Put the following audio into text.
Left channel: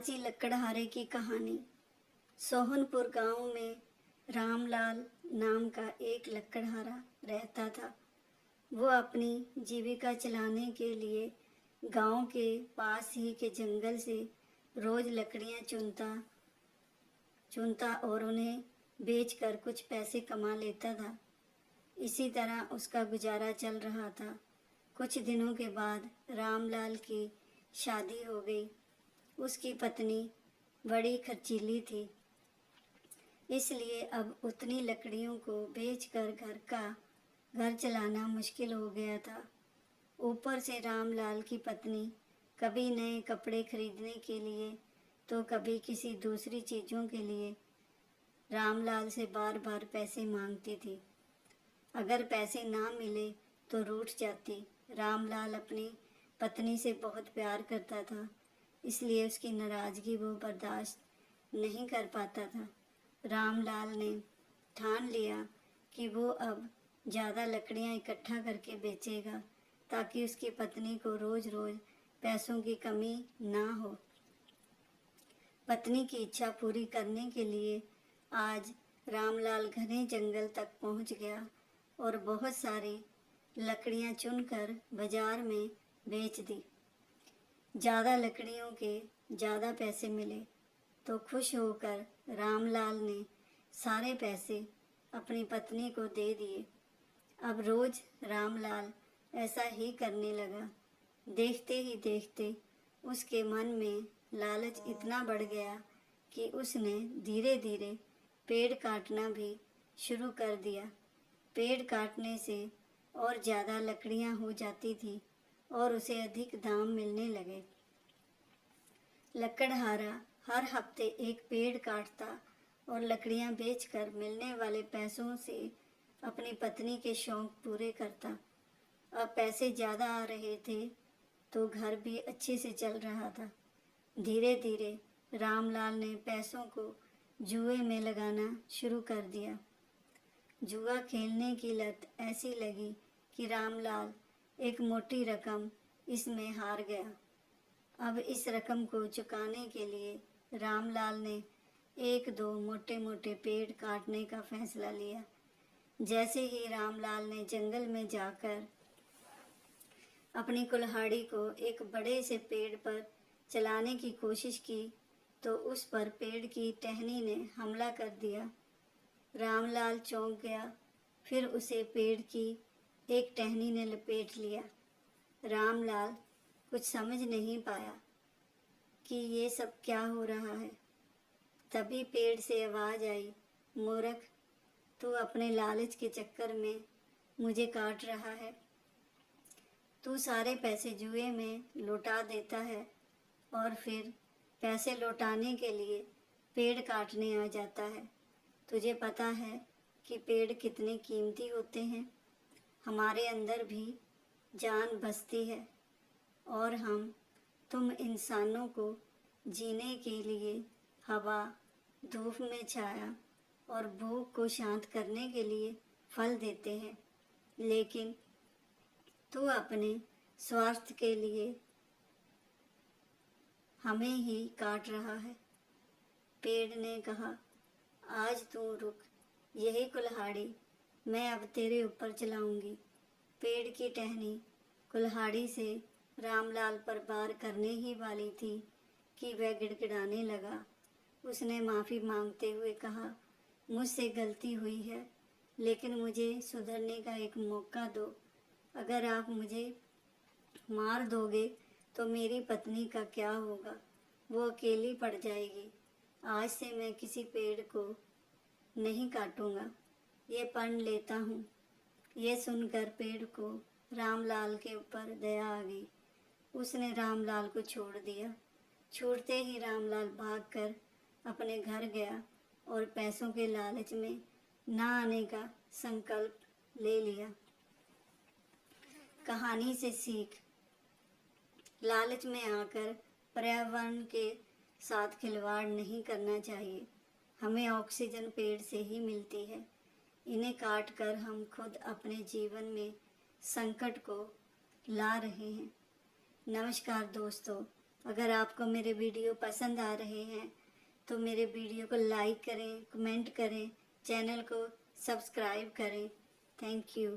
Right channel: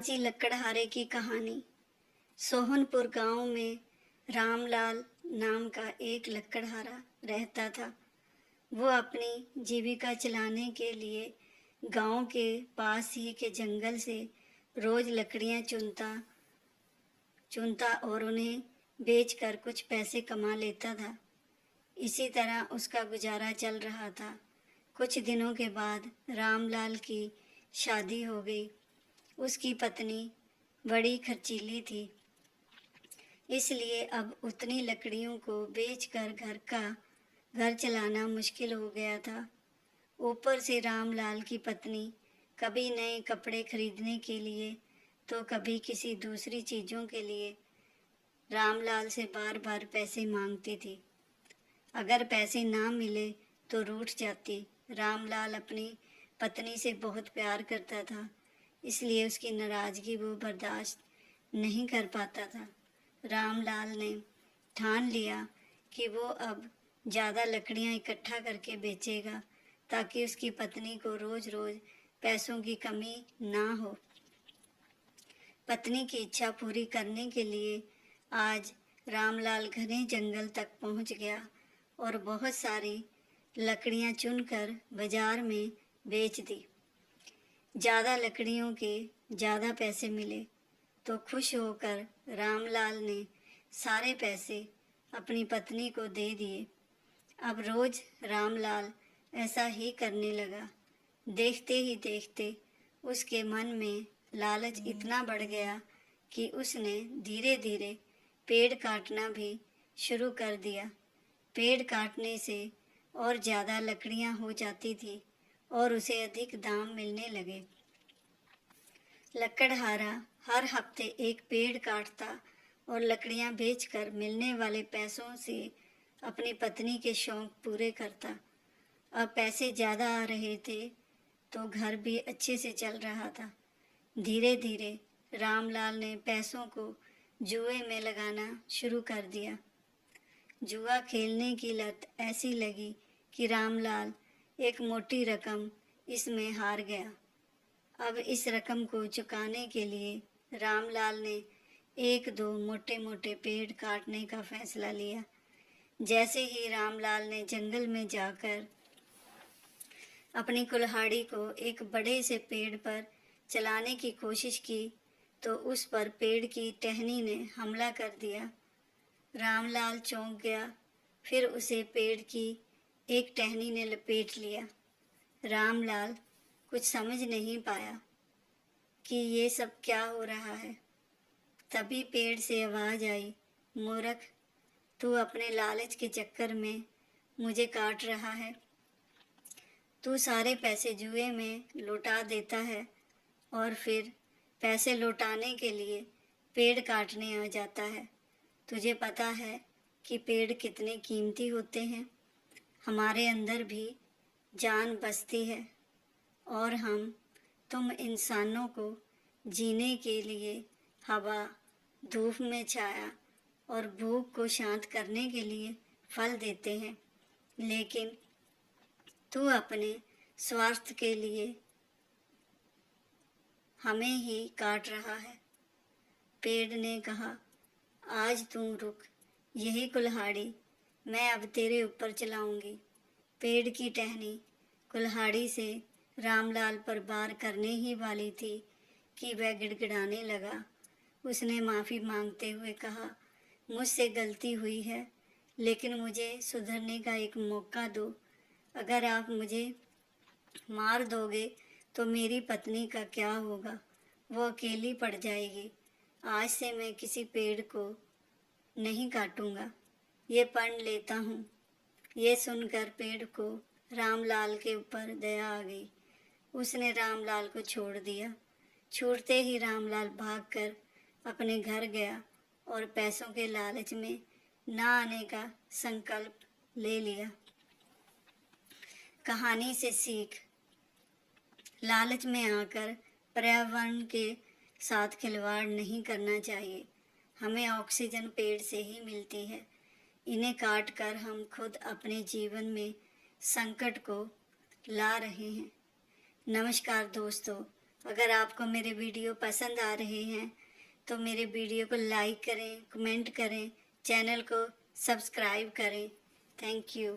जी लकड़हारे की कहानी। सोहनपुर गांव में रामलाल नाम का एक लकड़हारा रहता था। वो अपनी जीविका चलाने के लिए गांव के पास ही के जंगल से रोज लकड़ियां चुनता चुनता और उन्हें बेचकर कुछ पैसे कमा लेता था। इसी तरह उसका गुजारा चल रहा था। कुछ दिनों के बाद रामलाल की शादी हो गई। उसकी पत्नी बड़ी खर्चीली थी, इसलिए अब उतनी लकड़ियों को बेचकर घर चलाना मुश्किल हो गया था। ऊपर से रामलाल की पत्नी कभी नए कपड़े खरीदने के लिए तो कभी किसी दूसरी चीज़ों के लिए रामलाल से बार बार पैसे मांगती थी। अगर पैसे ना मिले तो रूठ जाती। रामलाल अपनी पत्नी से बहुत प्यार करता था, इसलिए उसकी नाराज़गी वो बर्दाश्त नहीं कर पाता था। रामलाल ने ठान लिया कि वो अब ज़्यादा लकड़ियाँ इकट्ठा करके बेचेगा ताकि उसकी पत्नी को रोज़ रोज़ पैसों की कमी ना हो। पत्नी की इच्छा पूरी करने के लिए आज रामलाल घने जंगल तक पहुंच गया और बहुत सारी लकड़ियां चुनकर बाजार में बेच दी। ज़्यादा लकड़ियों के ज़्यादा पैसे मिले तो खुश होकर रामलाल ने सारे पैसे अपनी पत्नी को दे दिए। अब रोज़ रामलाल ऐसा ही करने लगा। देखते ही देखते उसके मन में लालच इतना बढ़ गया कि उसने धीरे धीरे पेड़ काटना भी शुरू कर दिया। पेड़ काटने से और ज़्यादा लकड़ियाँ हो जाती थी और उसे अधिक दाम मिलने लगे। लकड़हारा हर हफ्ते एक पेड़ काटता और लकड़ियां बेचकर मिलने वाले पैसों से अपनी पत्नी के शौक पूरे करता। अब पैसे ज़्यादा आ रहे थे तो घर भी अच्छे से चल रहा था। धीरे धीरे रामलाल ने पैसों को जुए में लगाना शुरू कर दिया। जुआ खेलने की लत ऐसी लगी कि रामलाल एक मोटी रकम इसमें हार गया। अब इस रकम को चुकाने के लिए रामलाल ने एक दो मोटे मोटे पेड़ काटने का फैसला लिया। जैसे ही रामलाल ने जंगल में जाकर अपनी कुल्हाड़ी को एक बड़े से पेड़ पर चलाने की कोशिश की तो उस पर पेड़ की टहनी ने हमला कर दिया। रामलाल चौंक गया। फिर उसे पेड़ की एक टहनी ने लपेट लिया। रामलाल कुछ समझ नहीं पाया कि ये सब क्या हो रहा है। तभी पेड़ से आवाज़ आई, मूर्ख, तू अपने लालच के चक्कर में मुझे काट रहा है। तू सारे पैसे जुए में लौटा देता है और फिर पैसे लौटाने के लिए पेड़ काटने आ जाता है। तुझे पता है कि पेड़ कितने कीमती होते हैं। हमारे अंदर भी जान बसती है और तुम इंसानों को जीने के लिए हवा, धूप में छाया और भूख को शांत करने के लिए फल देते हैं, लेकिन तू अपने स्वार्थ के लिए हमें ही काट रहा है। पेड़ ने कहा, आज तू रुक, यही कुल्हाड़ी मैं अब तेरे ऊपर चलाऊंगी। पेड़ की टहनी कुल्हाड़ी से रामलाल पर वार करने ही वाली थी कि वह गिड़गिड़ाने लगा। उसने माफ़ी मांगते हुए कहा, मुझसे गलती हुई है, लेकिन मुझे सुधरने का एक मौका दो। अगर आप मुझे मार दोगे तो मेरी पत्नी का क्या होगा? वो अकेली पड़ जाएगी। आज से मैं किसी पेड़ को नहीं काटूंगा, ये प्रण लेता हूँ। ये सुनकर पेड़ को रामलाल के ऊपर दया आ गई। उसने रामलाल को छोड़ दिया। छूटते ही रामलाल भागकर अपने घर गया और पैसों के लालच में ना आने का संकल्प ले लिया। कहानी से सीख, लालच में आकर पर्यावरण के साथ खिलवाड़ नहीं करना चाहिए। हमें ऑक्सीजन पेड़ से ही मिलती है। इन्हें काट कर हम खुद अपने जीवन में संकट को ला रहे हैं। नमस्कार दोस्तों, अगर आपको मेरे वीडियो पसंद आ रहे हैं तो मेरे वीडियो को लाइक करें, कमेंट करें, चैनल को सब्सक्राइब करें। Thank you.